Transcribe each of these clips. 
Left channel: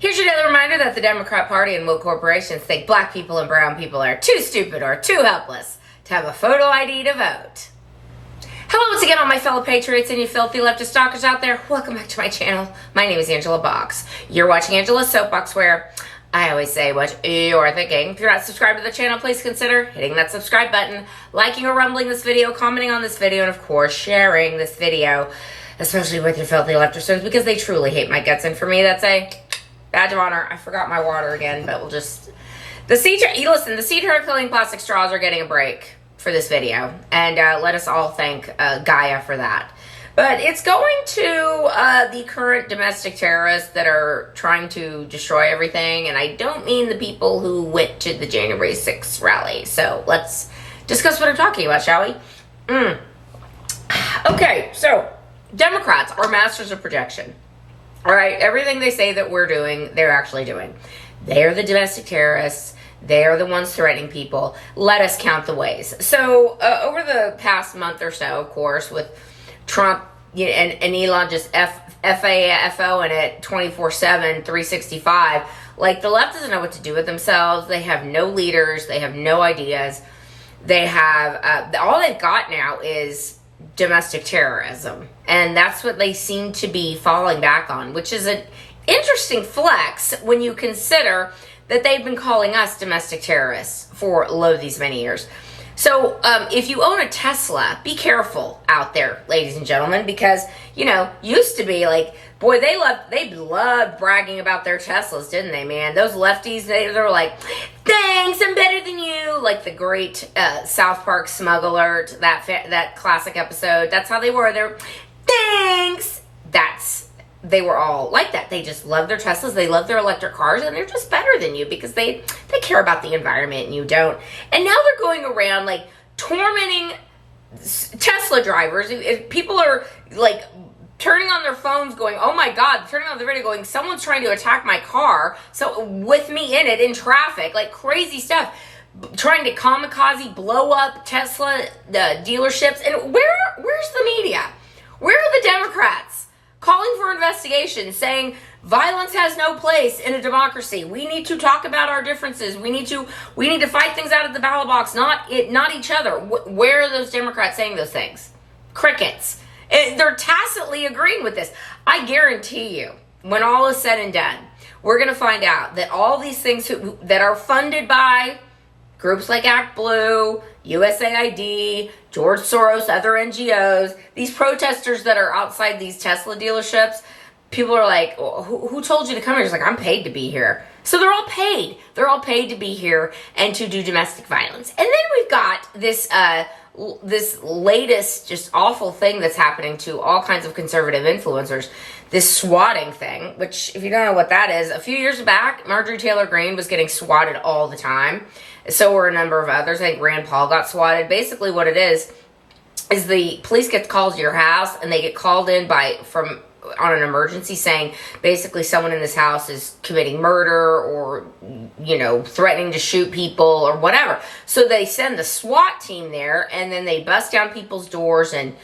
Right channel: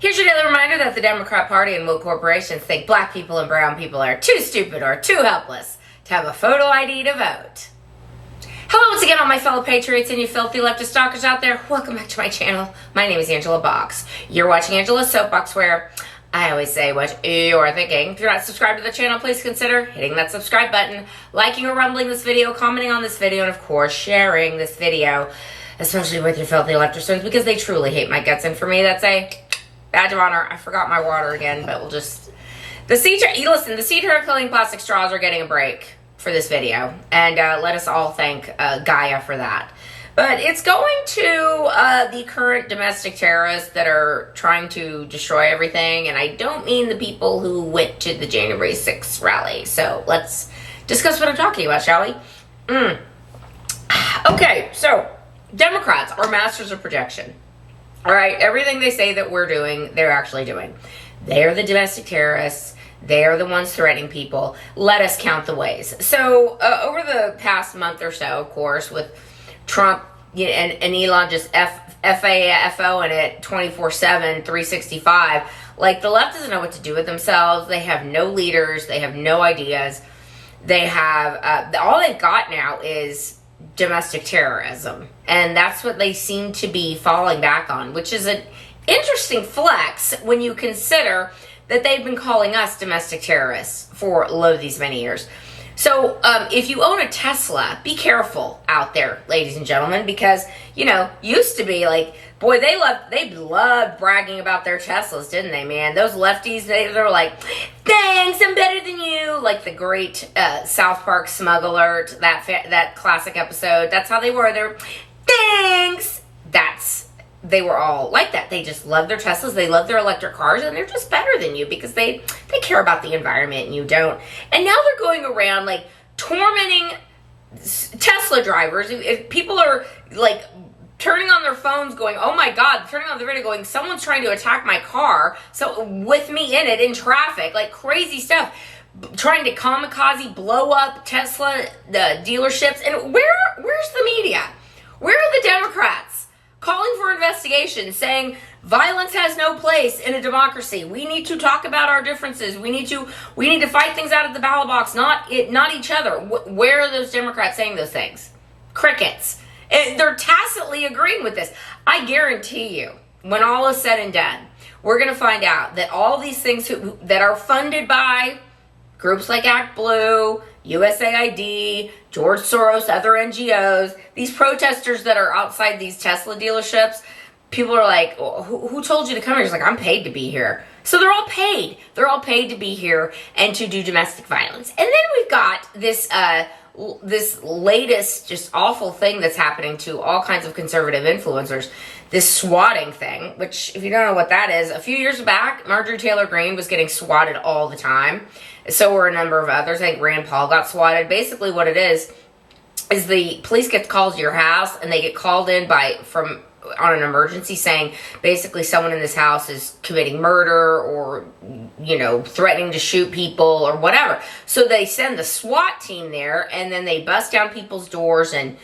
Here's your daily reminder that the Democrat Party and woke corporations think black people and brown people are too stupid or too helpless to have a photo ID to vote. Hello once again, all my fellow patriots and you filthy leftist stalkers out there. Welcome back to my channel. My name is Angela Box. You're watching Angela's Soapbox, where I always say what you're thinking. If you're not subscribed to the channel, please consider hitting that subscribe button, liking or rumbling this video, commenting on this video, and of course, sharing this video, especially with your filthy leftist, because they truly hate my guts. And for me, that's a badge of honor. I forgot my water again, but we'll just... The seed killing plastic straws are getting a break for this video, and let us all thank Gaia for that. But it's going to the current domestic terrorists that are trying to destroy everything, and I don't mean the people who went to the January 6th rally. So let's discuss what I'm talking about, shall we? Okay, so Democrats are masters of projection. All right, everything they say that we're doing, they're actually doing. They're the domestic terrorists. They are the ones threatening people. Let us count the ways. So over the past month or so, of course, with Trump and Elon just FAFO in it 24/7, 365, like the left doesn't know what to do with themselves. They have no leaders. They have no ideas. They have, all they've got now is domestic terrorism. And that's what they seem to be falling back on, which is an interesting flex when you consider that they've been calling us domestic terrorists for these many years. So if you own a Tesla, be careful out there, ladies and gentlemen, because, you know, used to be like, boy, they loved bragging about their Teslas, didn't they, man? Those lefties, they were like, thanks, I'm better than you. Like the great South Park Smug Alert, that classic episode. That's how they were. They're, thanks. They were all like that. They just love their Teslas. They love their electric cars, and they're just better than you because they care about the environment and you don't. And now they're going around like tormenting Tesla drivers. If people are like turning on their phones going, oh my God, turning on the radio going, someone's trying to attack my car. So with me in it, in traffic, like crazy stuff. Trying to kamikaze blow up Tesla dealerships. And where's the media? Where are the Democrats? Calling for investigation, saying violence has no place in a democracy. We need to talk about our differences. We need to fight things out of the ballot box, not each other. Where are those Democrats saying those things? Crickets. And they're tacitly agreeing with this. I guarantee you, when all is said and done, we're going to find out that all these things that are funded by groups like Act Blue, USAID, George Soros, other NGOs, these protesters that are outside these Tesla dealerships, people are like, who told you to come here? It's like, I'm paid to be here. So they're all paid. They're all paid to be here and to do domestic violence. And then we've got this latest just awful thing that's happening to all kinds of conservative influencers, this swatting thing, which if you don't know what that is, a few years back, Marjorie Taylor Greene was getting swatted all the time. So were a number of others. I think Rand Paul got swatted. Basically what it is the police get called to your house and they get called in on an emergency saying basically someone in this house is committing murder or, you know, threatening to shoot people or whatever. So they send the SWAT team there and then they bust down people's doors, and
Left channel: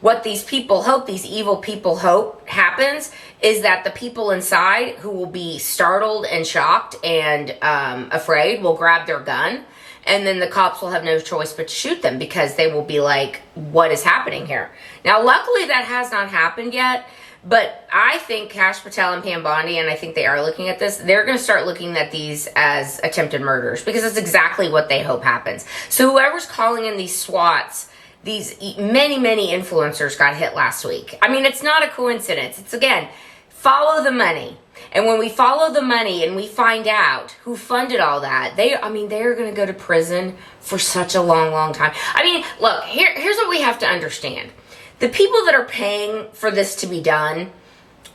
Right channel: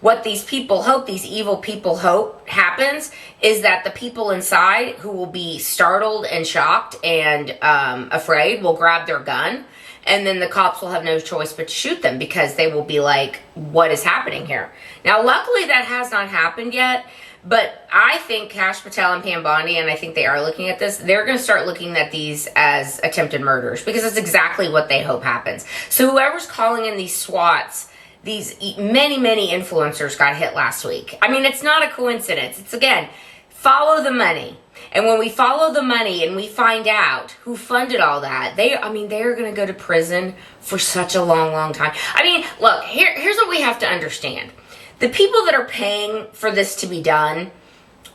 what these evil people hope happens is that the people inside who will be startled and shocked and afraid will grab their gun, and then the cops will have no choice but to shoot them because they will be like, what is happening here? Now, luckily that has not happened yet, but I think Kash Patel and Pam Bondi, and I think they are looking at this, they're going to start looking at these as attempted murders because that's exactly what they hope happens. So whoever's calling in these SWATs, these many influencers got hit last week. I mean, it's not a coincidence. It's, again, follow the money. And when we follow the money and we find out who funded all that, they are going to go to prison for such a long time. I mean, look, here's what we have to understand. The people that are paying for this to be done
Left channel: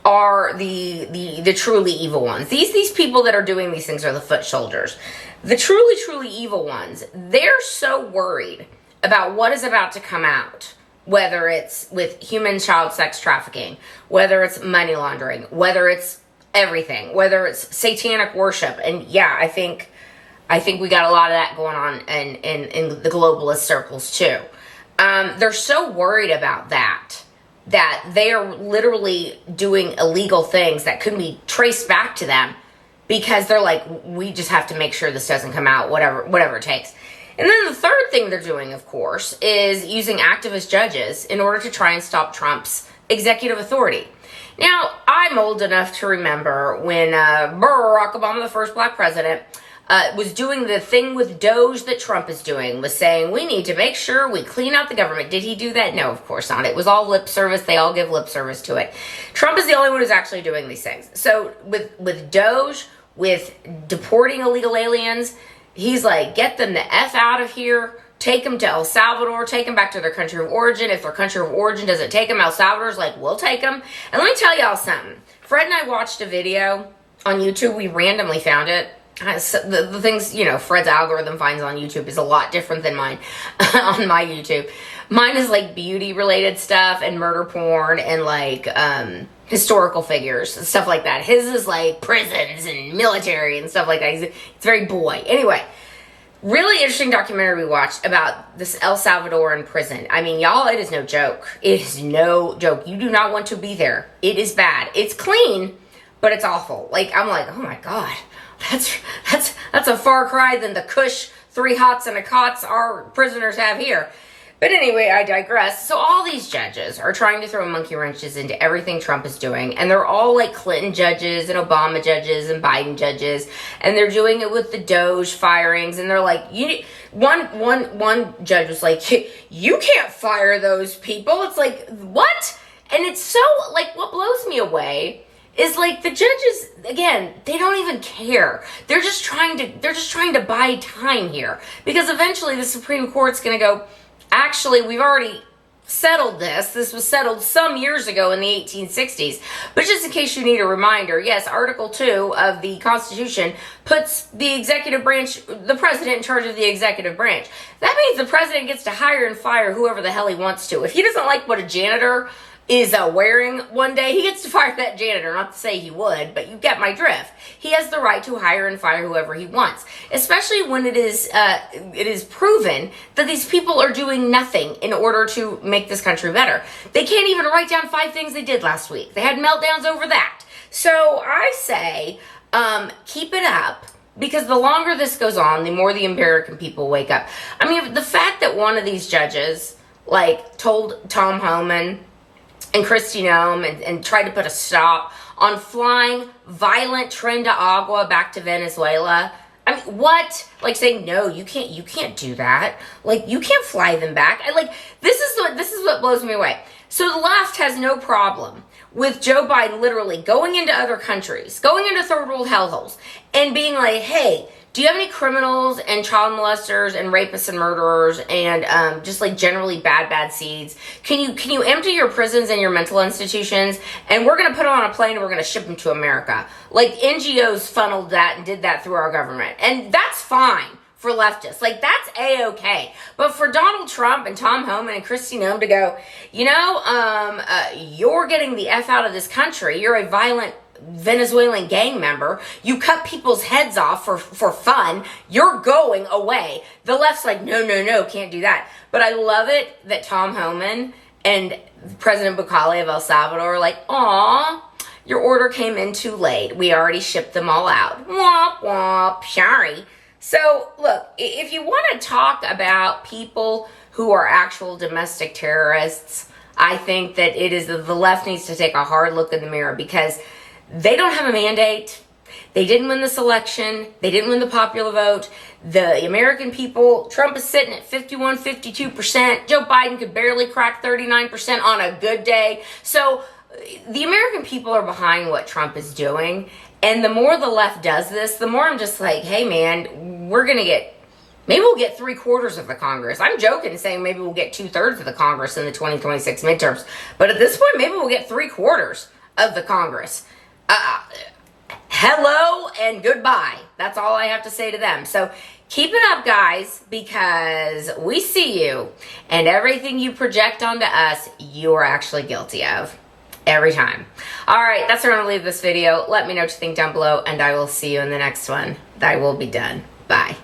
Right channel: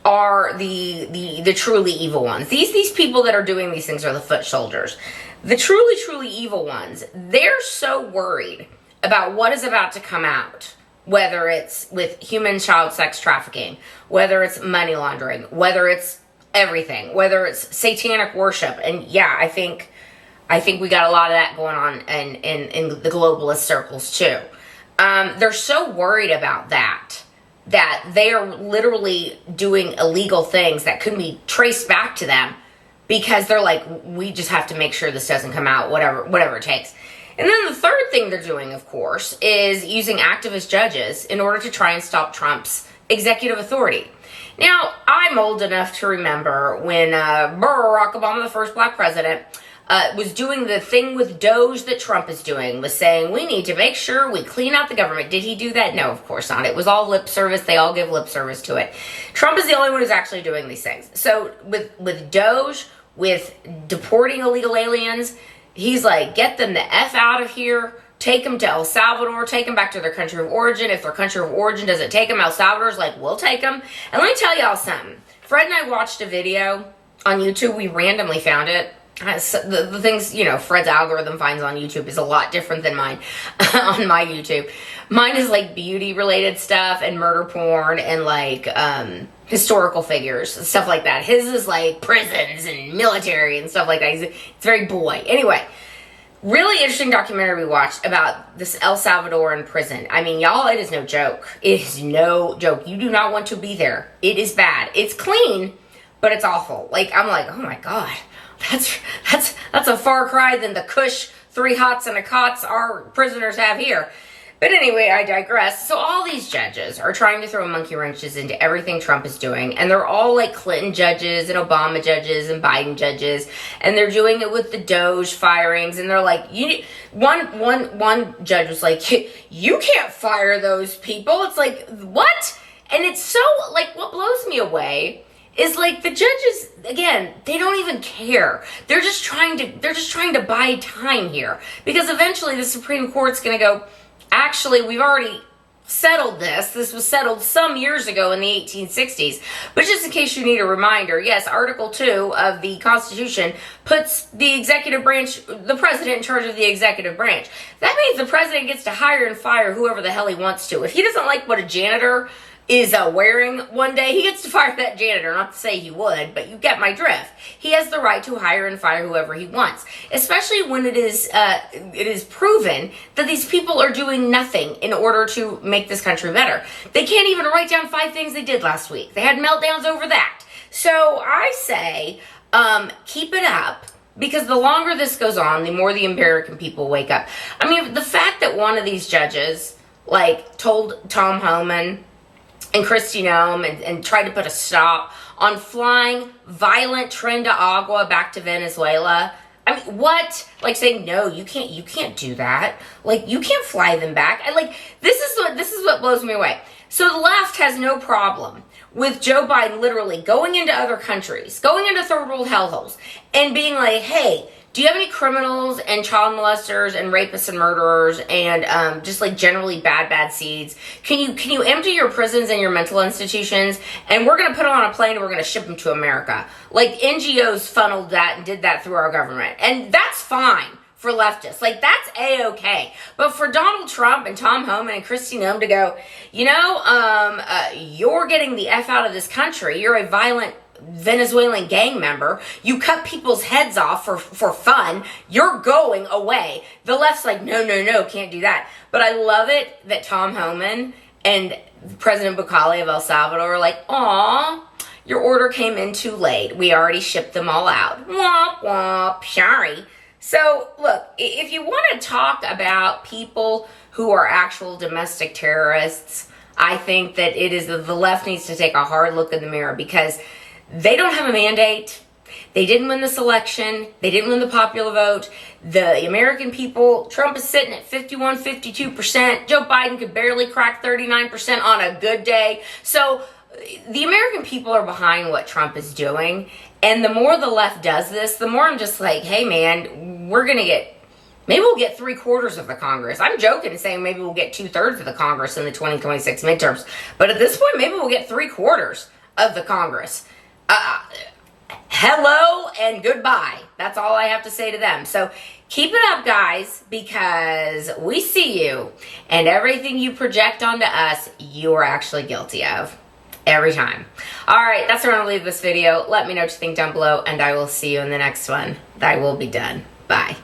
are the truly evil ones. These people that are doing these things are the foot soldiers. The truly evil ones, they're so worried about what is about to come out, whether it's with human child sex trafficking, whether it's money laundering, whether it's everything, whether it's satanic worship. And yeah, I think we got a lot of that going on in the globalist circles too. They're so worried about that they are literally doing illegal things that could be traced back to them because they're like, we just have to make sure this doesn't come out, whatever it takes. And then the third thing they're doing, of course, is using activist judges in order to try and stop Trump's executive authority. Now, I'm old enough to remember when Barack Obama, the first black president, was doing the thing with Doge that Trump is doing, was saying, we need to make sure we clean out the government. Did he do that? No, of course not. It was all lip service. They all give lip service to it. Trump is the only one who's actually doing these things. So with Doge, with deporting illegal aliens, he's like, get them the F out of here. Take them to El Salvador, take them back to their country of origin. If their country of origin doesn't take them, El Salvador's like, we'll take them. And let me tell y'all something. Fred and I watched a video on YouTube. We randomly found it. The things, Fred's algorithm finds on YouTube is a lot different than mine on my YouTube. Mine is like beauty related stuff and murder porn and like historical figures and stuff like that. His is like prisons and military and stuff like that. It's very boy. Anyway, really interesting documentary we watched about this El Salvadoran prison. I mean, y'all, it is no joke. It is no joke. You do not want to be there. It is bad. It's clean, but it's awful. Like, I'm like, oh my God. That's a far cry than the cush 3 hots and a cots our prisoners have here. But anyway, I digress. So all these judges are trying to throw monkey wrenches into everything Trump is doing. And they're all like Clinton judges and Obama judges and Biden judges. And they're doing it with the Doge firings. And they're like, one judge was like, you can't fire those people. It's like, what? And it's so like, what blows me away is like the judges, again, they don't even care. They're just trying to buy time here, because eventually the Supreme Court's going to go, actually, we've already settled this. This was settled some years ago in the 1860s. But just in case you need a reminder, yes, Article 2 of the Constitution puts the executive branch, the president, in charge of the executive branch. That means the president gets to hire and fire whoever the hell he wants to. If he doesn't like what a janitor is wearing one day, he gets to fire that janitor. Not to say he would, but you get my drift. He has the right to hire and fire whoever he wants, especially when it is proven that these people are doing nothing in order to make this country better. They can't even write down 5 things they did last week. They had meltdowns over that. So I say, keep it up, because the longer this goes on, the more the American people wake up. I mean, the fact that one of these judges, like, told Tom Homan and Kristi Noem and tried to put a stop on flying violent Tren de Agua back to Venezuela. I mean, what? Like saying, no, you can't do that. Like, you can't fly them back. This is what blows me away. So the left has no problem with Joe Biden literally going into other countries, going into third world hellholes, and being like, hey, do you have any criminals and child molesters and rapists and murderers and just like generally bad seeds? Can you empty your prisons and your mental institutions, and we're going to put them on a plane and we're going to ship them to America? Like, NGOs funneled that and did that through our government. And that's fine for leftists. Like, that's A-okay. But for Donald Trump and Tom Homan and Kristi Noem to go, you're getting the F out of this country. You're a violent Venezuelan gang member. You cut people's heads off for fun. You're going away. The left's like, no, can't do that. But I love it that Tom Homan and President Bukele of El Salvador are like, aw, your order came in too late. We already shipped them all out. Womp womp, sorry. So look, if you want to talk about people who are actual domestic terrorists, I think that the left needs to take a hard look in the mirror, because they don't have a mandate. They didn't win this election. They didn't win the popular vote. The American people, Trump is sitting at 51, 52%. Joe Biden could barely crack 39% on a good day. So the American people are behind what Trump is doing. And the more the left does this, the more I'm just like, hey man, maybe we'll get 3/4 of the Congress. I'm joking saying maybe we'll get 2/3 of the Congress in the 2026 midterms. But at this point, maybe we'll get 3/4 of the Congress. Hello and goodbye. That's all I have to say to them. So keep it up, guys, because we see you, and everything you project onto us, you are actually guilty of. Every time. All right, that's where I'm going to leave this video. Let me know what you think down below, and I will see you in the next one. I will be done. Bye.